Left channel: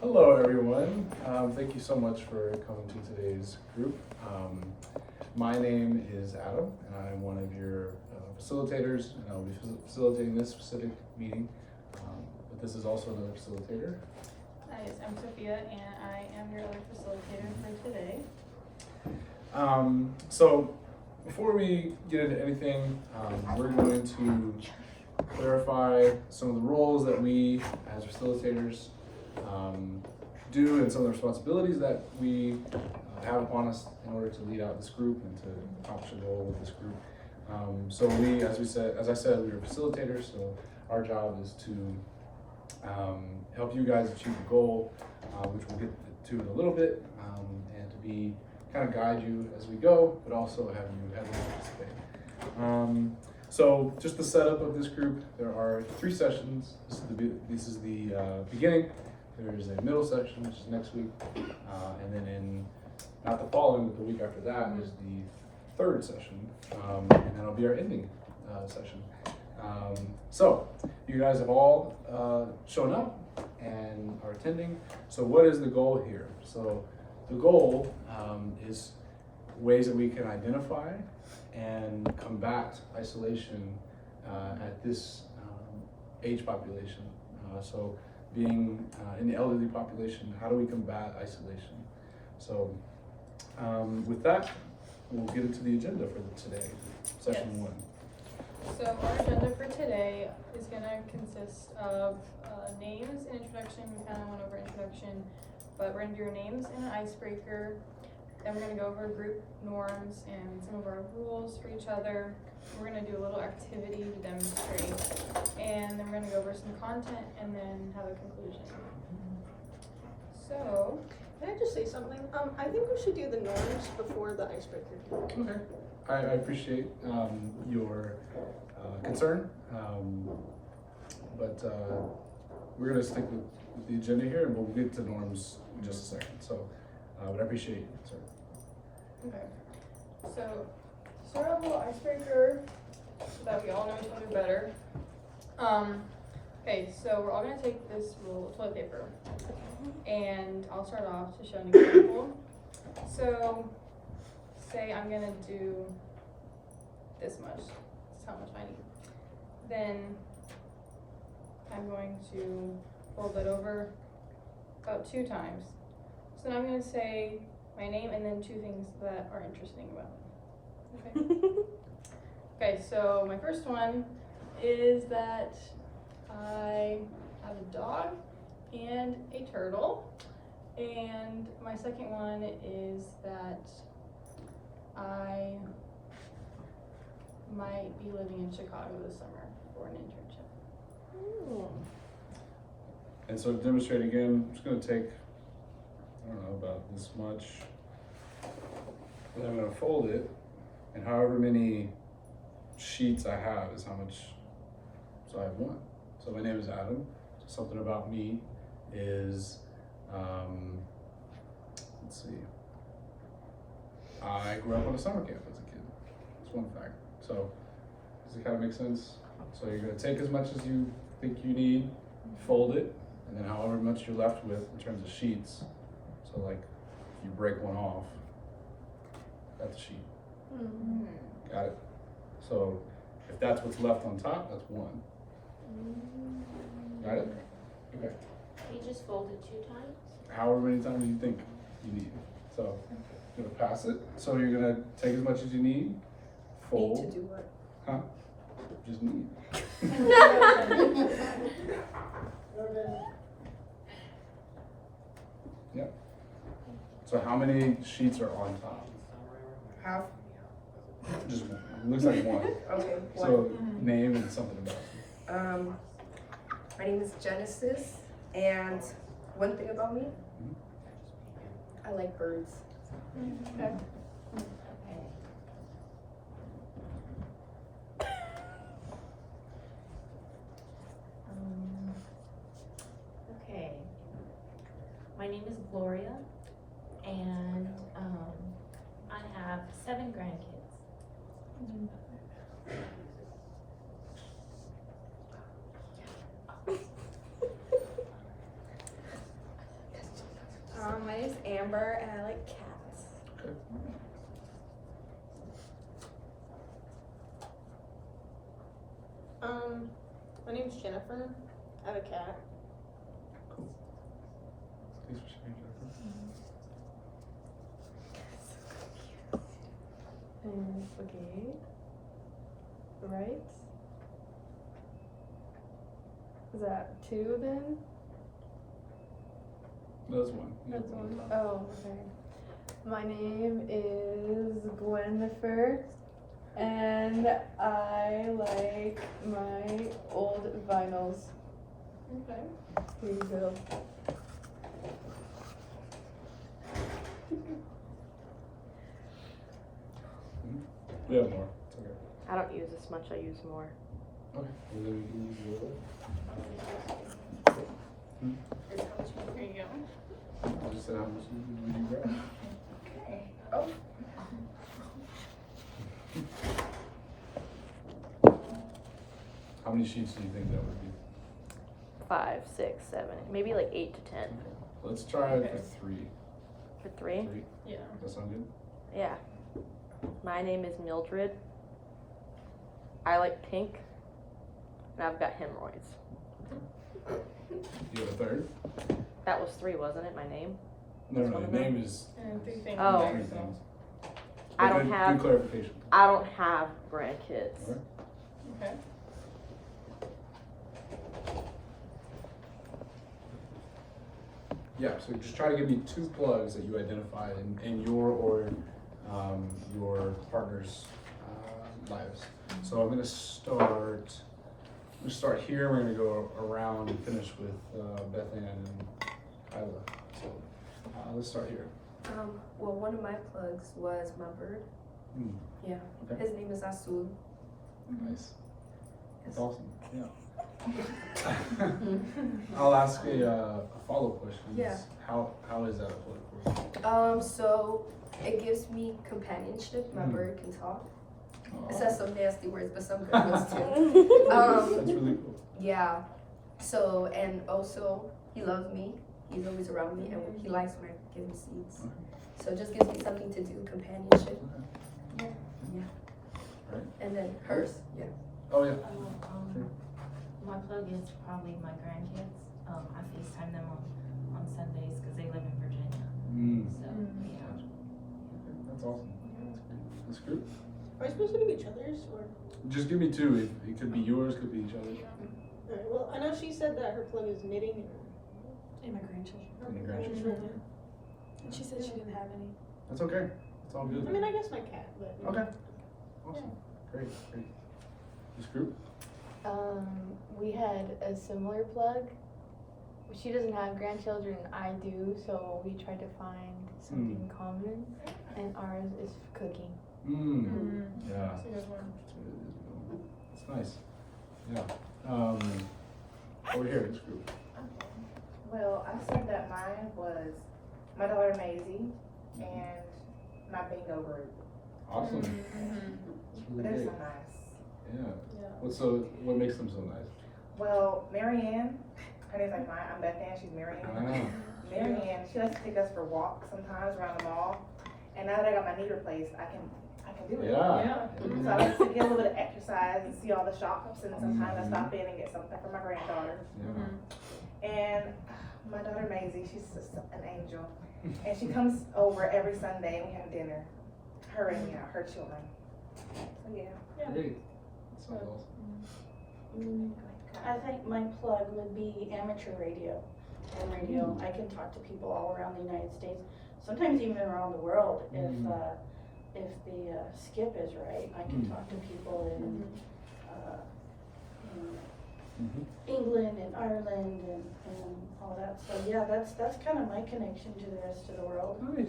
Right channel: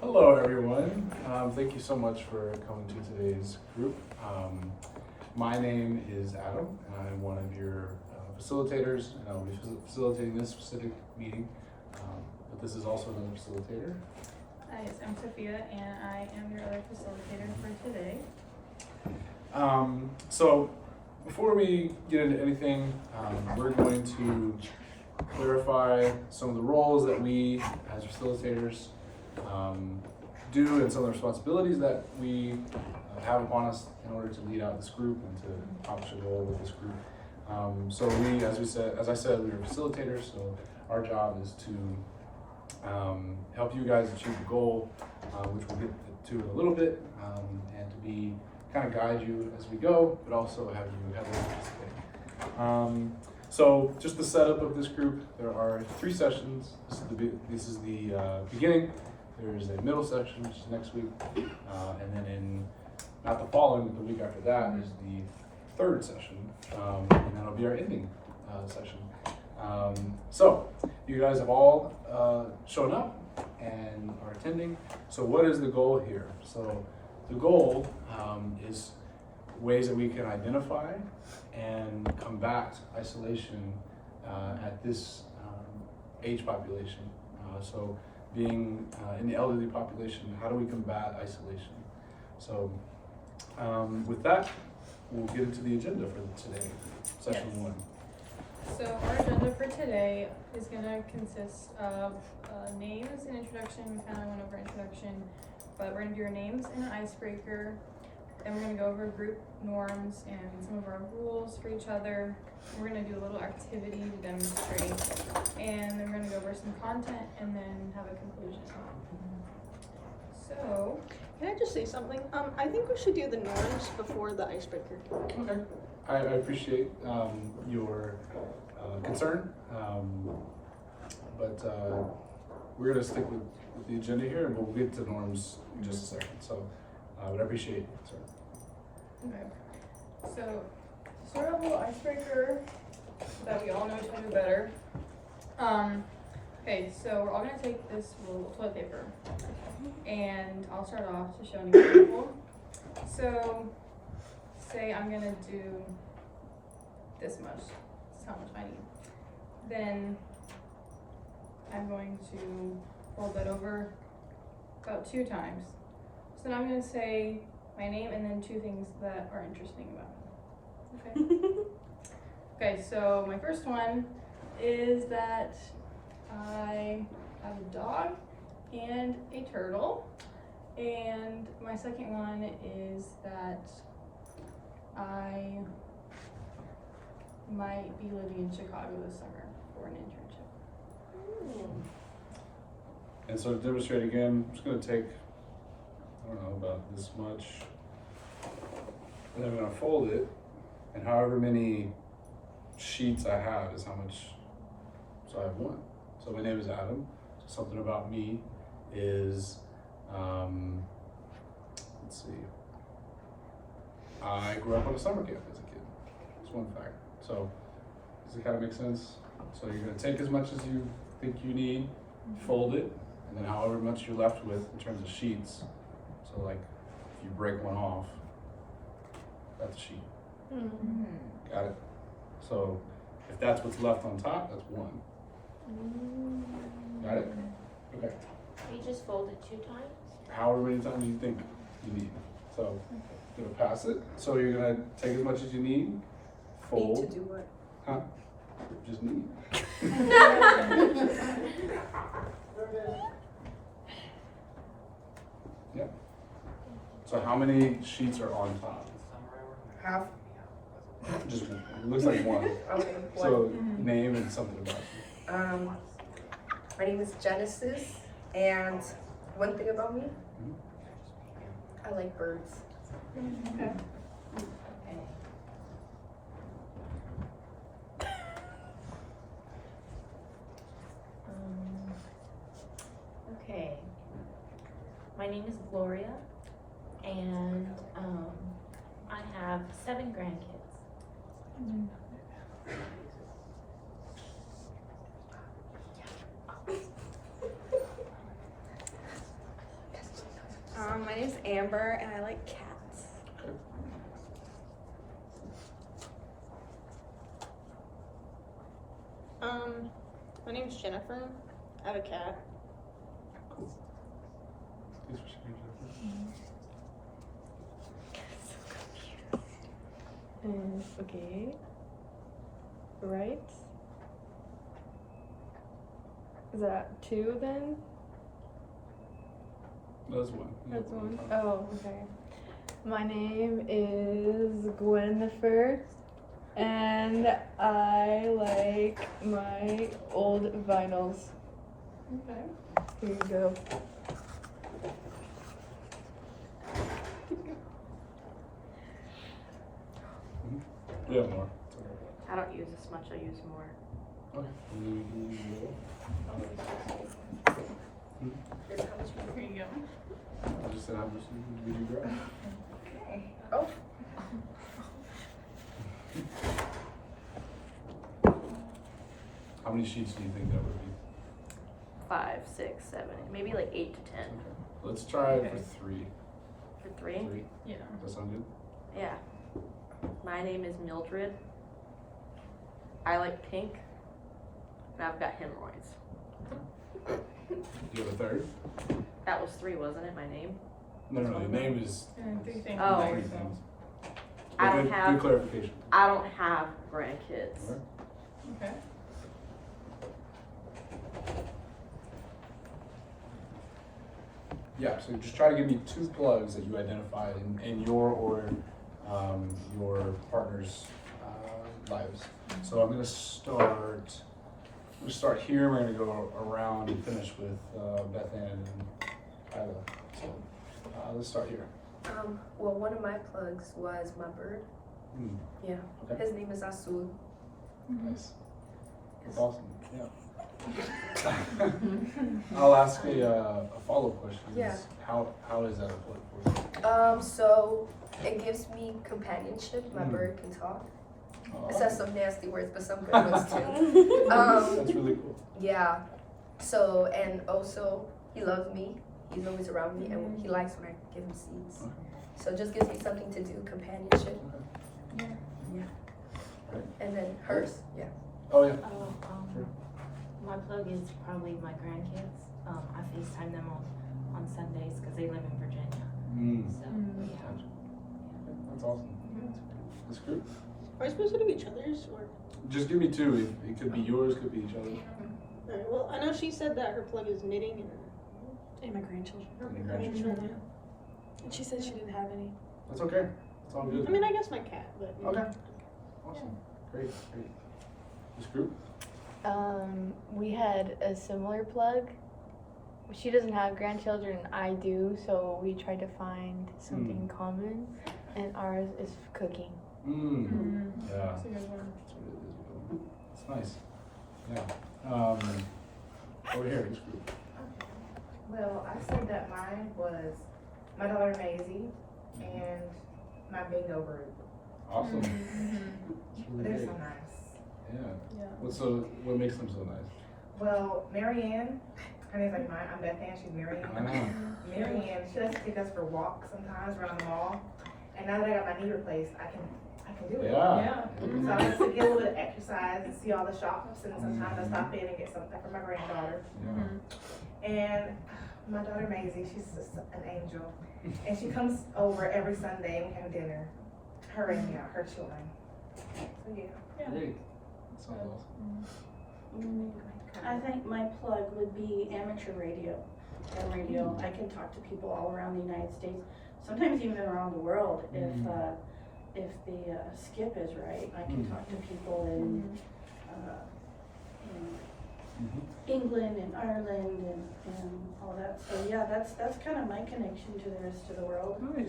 Hello, everyone. Thank you so much for coming to today's group. My name is Adam, and I'm one of your facilitators, and I'll be facilitating this specific meeting. But this is also another facilitator. Hi, I'm Sophia, and I am your other facilitator for today. So before we get into anything, we're going to clarify some of the roles that we as facilitators do and some of the responsibilities that we have upon us in order to lead out this group and to accomplish a goal with this group. So we, as I said, we are facilitators. So our job is to help you guys achieve the goal, which we'll get to in a little bit, and to be kind of guide you as we go, but also have you heavily participate. So just the setup of this group, there are 3 sessions. This is the beginning. There's a middle session, which is next week, and then not the following, but the week after that is the 3rd session, and then it'll be our ending session. So you guys have all shown up and are attending. So what is the goal here? So the goal is ways that we can identify and combat isolation at this age population. So being in the elderly population, how do we combat isolation? So with that, we'll get into the agenda for today, session 1. So our agenda for today is going to consist of names and introduction. We kind of went over introduction, but we're going to do our names and an icebreaker. Then we're going to go over group norms and some of our rules for each other. We're going to do a little activity to demonstrate, and then we're going to go over some content and then have a conclusion. So, can I just say something? I think we should do the norms before the icebreaker. Okay, I appreciate your concern, but we're going to stick with the agenda here, and we'll get to norms in just a second. So, but I appreciate your concern. Okay. So, sort of a little icebreaker so that we all know each other better. Okay, so we're all gonna take this roll of toilet paper, and I'll start off to show an example. So, say I'm gonna do this much. This is how much I need. Then I'm going to fold that over about 2 times. So now I'm gonna say my name and then 2 things that are interesting about me. Okay. Okay, so my first one is that I have a dog and a turtle. And my second one is that I might be living in Chicago this summer for an internship. And so to demonstrate again, I'm just going to take, I don't know, about this much, and I'm going to fold it, and however many sheets I have is how much, so I have 1. So my name is Adam. So something about me is, let's see, I grew up on a summer camp as a kid. That's one fact. So does it kind of make sense? So you're going to take as much as you think you need, fold it, and then however much you're left with in terms of sheets. So like if you break one off, that's a sheet. Mm-hmm. Got it? So if that's what's left on top, that's 1. Got it? Okay. You just fold it 2 times? However many times you think you need. So you're gonna pass it. So you're gonna take as much as you need, fold. Need to do what? Huh? Just need. Yep. So how many sheets are on top? Half. Just looks like 1. Okay. So name and something about you. My name is Genesis, and one thing about me, I like birds. Okay. Okay. My name is Gloria, and I have 7 grandkids. Amber, and I like cats. Okay. My name's Jennifer. I have a cat. Cool. Thanks for sharing, Jennifer. Okay. Right. Is that two then? That's one. You have one on top. Oh, okay. My name is Gwenifer, and I like my old vinyls. Okay. Here you go. We have more. It's okay. I don't use this much, I use more. Okay. And then we can use the This how much you- Here you go. I just said how much would you grab? Okay. Oh, How many sheets do you think that would be? 5, 6, 7, maybe like 8 to 10. Okay. Let's try it for Okay. 3. For 3? 3. Yeah. Does that sound good? Yeah. My name is Mildred. I like pink. And I've got hemorrhoids. Do you have a third? That was 3, wasn't it? My name? No, no, your name is And 3 things. Oh. 3 so- things. I But don't good, have- good clarification. I don't have grandkids. Alright. Okay. Yeah, so just try to give me 2 plugs that you identified in your or your partner's lives. So I'm gonna start here. We're gonna go around and finish with Beth Ann and Kyla. So let's start here. well, one of my plugs was my bird. Hmm, Yeah. Okay. His name is Azul. nice. That's awesome. Yeah. I'll ask a follow-up question. Yeah. How is that a plug for you? So it gives me companionship. My Mm. bird can talk. Aw, It says some nasty words, but some good ones too. that's really cool. Yeah. So, and also, he loves me. He's always around me, and he likes when I give him seeds. Okay. So it just gives me something to do, companionship. Okay. Right. And then hers, yeah. Oh yeah. Sure. My plug is probably my grandkids. I FaceTime them on Sundays because they live in Virginia. Mm. So, Gotcha. Okay, that's awesome. That's great. Are we supposed to do each other's or? Just give me 2. It could be yours, could be each other's. Alright, well, I know she said that her plug is knitting And my grandchildren. And your grandchildren. And she said she didn't have any. That's okay. It's all I good. mean, I guess my cat, but. Okay. Awesome. Great. This group? We had a similar plug. She doesn't have grandchildren, I do, so we tried to find something common, and ours is cooking. Mm. Yeah. That's a good one. That's what it is. a good one. It's nice. Yeah. Over here, this group. Well, I said that mine was my daughter Maisie and my bingo group. Awesome. Mm-hmm. It's really They're great. so nice. Yeah. Yeah. What makes them so nice? Well, Marianne, her name's like mine. I'm Beth Ann, she's Marianne. Ah. Marianne, she likes to take us for walks sometimes around the mall. And now that I got my knee replaced, I can do it. Yeah. So I like to get a little bit of exercise and see all the shops, and sometimes I stop in and get something for my granddaughter. Yeah. And my daughter Maisie, she's just an angel. And she comes over every Sunday and we have dinner. Her and her children. So yeah. Great. That sounds awesome. I think my plug would be amateur radio. And radio, I can talk to people all around the United States, sometimes even around the world. If the skip is right, I can talk to people in England and Ireland and all that. So yeah, that's kind of my connection to the rest of the world. Nice.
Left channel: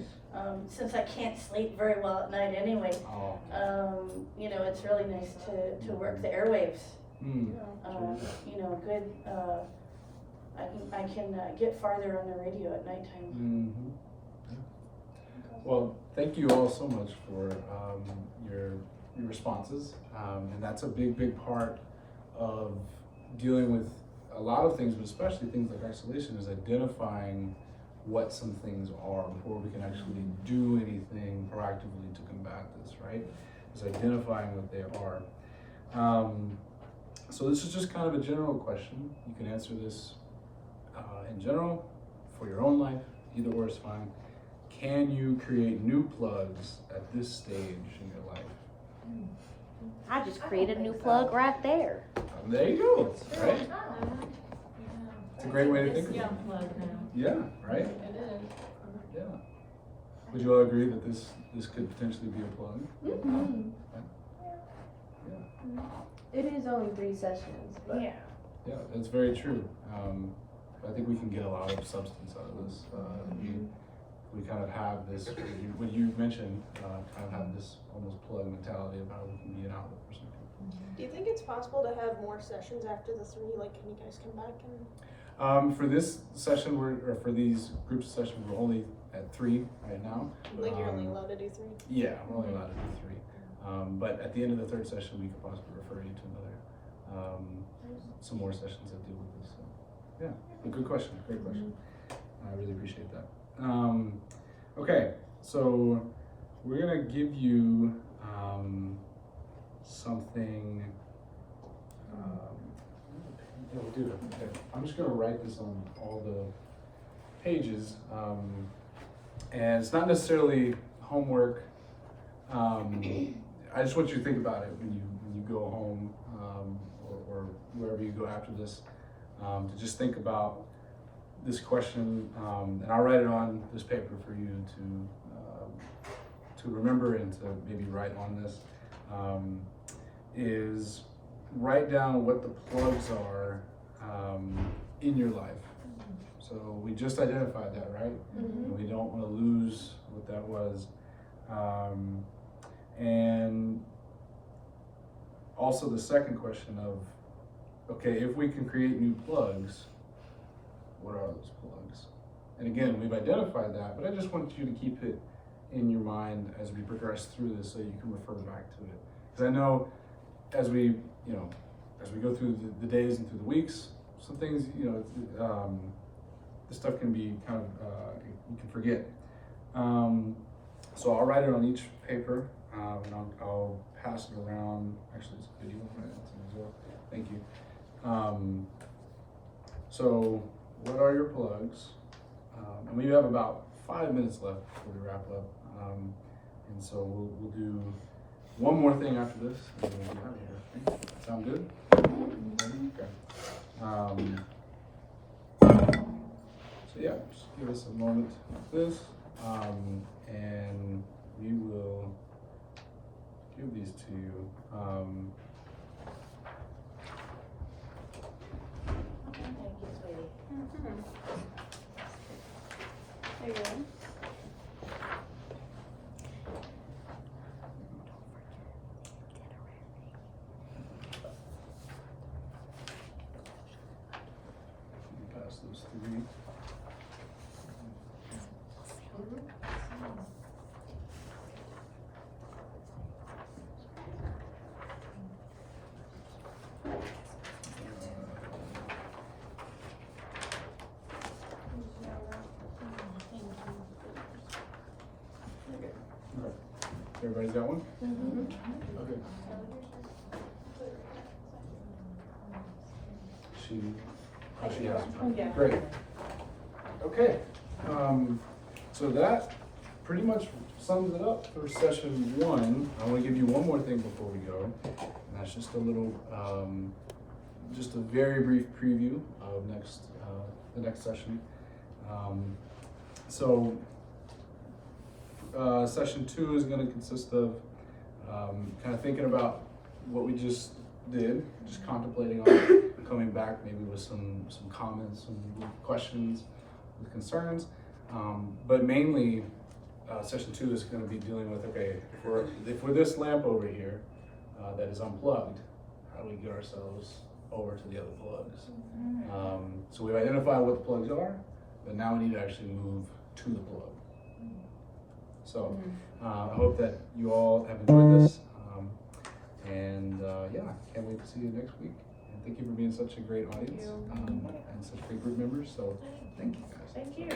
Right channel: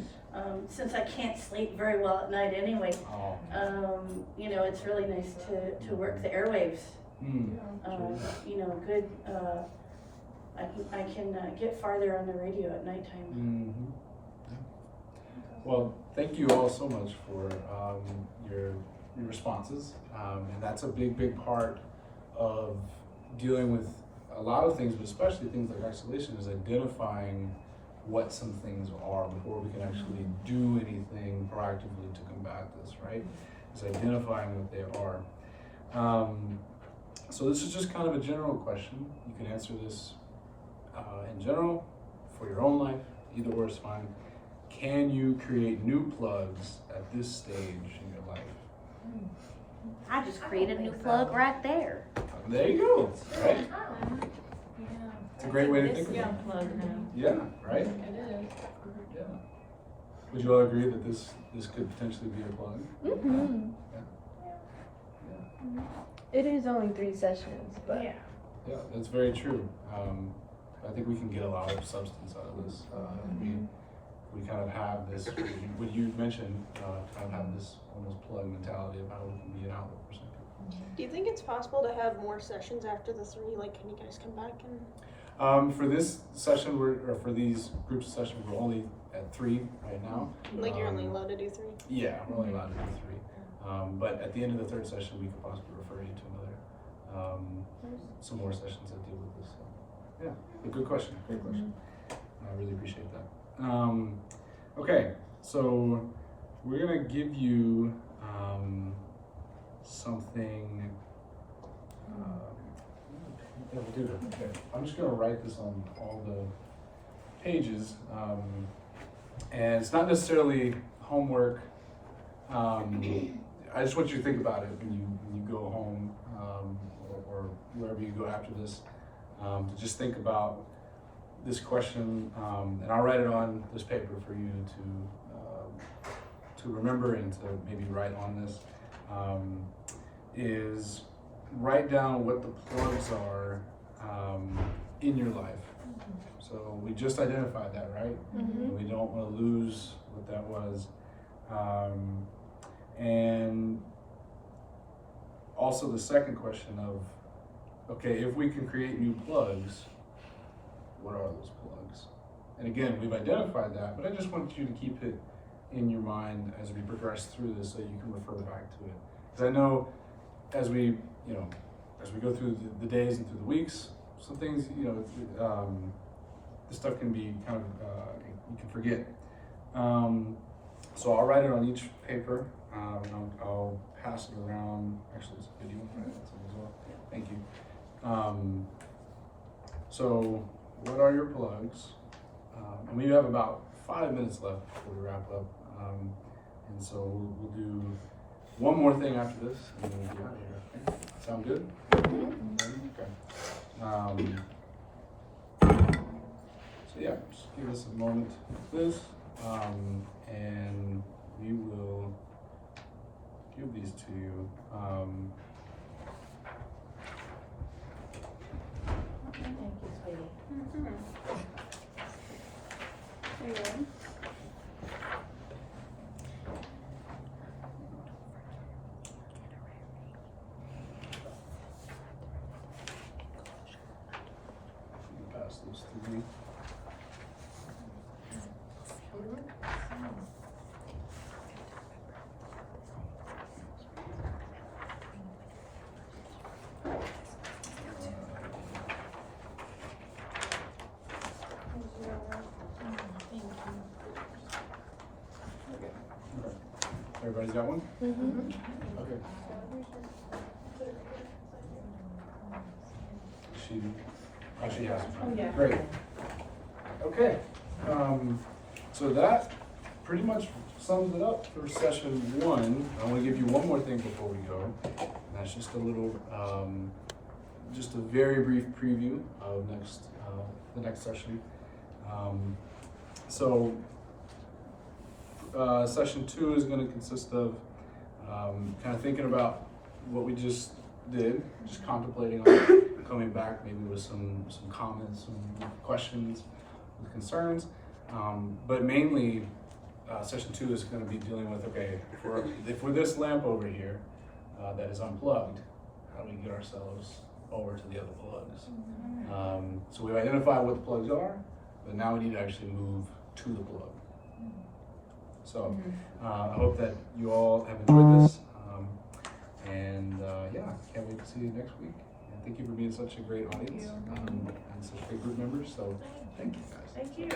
Since I can't sleep very well at night anyway, Oh. it's really nice to work the airwaves. Mm. Good. I can get farther on the radio at nighttime. Mm-hmm. Well, thank you all so much for your responses, and that's a big part of dealing with a lot of things, but especially things like isolation, is identifying what some things are before we can actually do anything proactively to combat this, right? Is identifying what they are. So this is just kind of a general question. You can answer this in general for your own life, either or is fine. Can you create new plugs at this stage in your life? I just created a new plug right there. There you go, right? It's a great way to think about it. Yeah, right? It is. Yeah. Would you all agree that this could potentially be a plug? Mhm. Yeah. It is only 3 sessions, but Yeah. Yeah, that's very true. I think we can get a lot of substance out of this. We kind of have this, what you mentioned, kind of have this almost plug mentality of how we can be an outlet for some people. Do you think it's possible to have more sessions after the 3? Like, can you guys come back and? For this session, or for these groups of sessions, we're only at 3 right now. Like, you're only allowed to do 3? Yeah, we're only allowed to do 3. But at the end of the 3rd session, we could possibly refer you to another, some more sessions that deal with this. So, yeah, but good question, great question. I really appreciate that. Okay, so we're gonna give you something. Yeah, we'll do it. Okay, I'm just gonna write this on all the pages, and it's not necessarily homework. I just want you to think about it when you go home, or wherever you go after this, to just think about this question, and I'll write it on this paper for you to remember and to maybe write on this. Is write down what the plugs are in your life. So we just identified that, right? And we don't want to lose what that was. And also the second question of, okay, if we can create new plugs, what are those plugs? And again, we've identified that, but I just want you to keep it in your mind as we progress through this so you can refer back to it. Because I know as we go through the days and through the weeks, some things, this stuff can be kind of, you can forget. So I'll write it on each paper, and I'll pass it around. Actually, it's a video, right? As well. Thank you. So what are your plugs? And we have about 5 minutes left before we wrap up. And so we'll do one more thing after this, and then we'll be out of here. Okay? Sound good? Okay. So yeah, just give us a moment of this, and we will give these to you. Thank you, sweetie. Pass those through me. Everybody's got one? Okay. She has one. Yeah. Great. Okay. So that pretty much sums it up for session 1. I want to give you one more thing before we go. And that's just a little, just a very brief preview of the next session. Session 2 is going to consist of kind of thinking about what we just did, just contemplating on it, coming back maybe with some comments, some questions, with concerns. But mainly, session 2 is going to be dealing with, okay, if we're this lamp over here that is unplugged, how do we get ourselves over to the other plugs? So we've identified what the plugs are, but now we need to actually move to the plug. So I hope that you all have enjoyed this, and can't wait to see you next week. And thank you for being such a great audience and such great group members. So thank you guys. Thank you.